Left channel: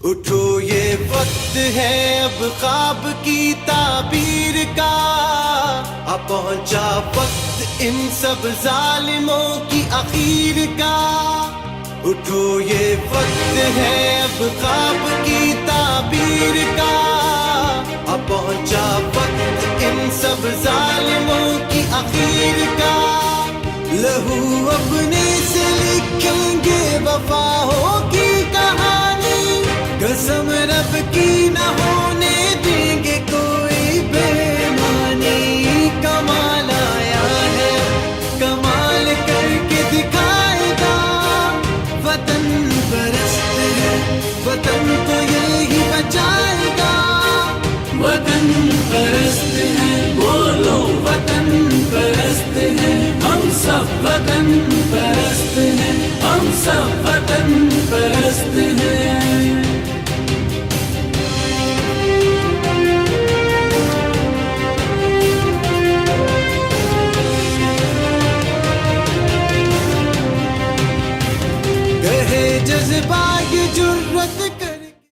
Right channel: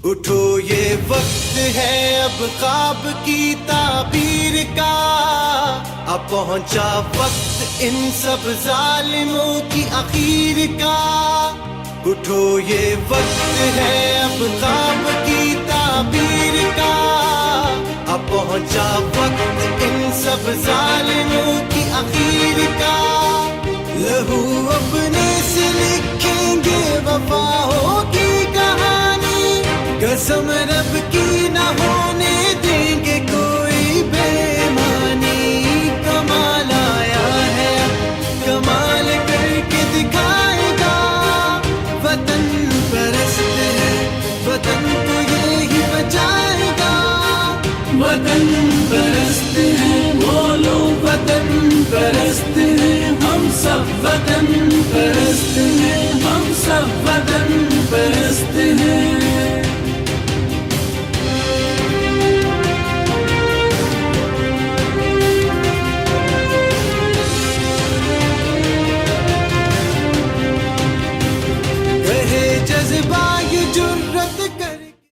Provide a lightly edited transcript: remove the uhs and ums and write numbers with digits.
उठो ये वक्त है अब ख्वाब की ताबीर का, अब पहुंचा वक्त इन सब जालिमों की आखिर का। उठो ये वक्त है अब ख्वाब की ताबीर का, अब पहुंचा वक्त इन सब जालिमों की आखिर का। लहू अपने से लिखेंगे वफा होगी कहानी, कसम रब की न होने देंगे कोई बेईमानी। कमाल आया है कमाल करके दिखाएगा, वतन परस्त है वतन तो यही बचाएगा। वतन परस्त है बोलो वतन परस्त है, हम सब वतन परस्त हैं, हम सब वतन परस्त हैं। कहे जज्बा ये जुर्रत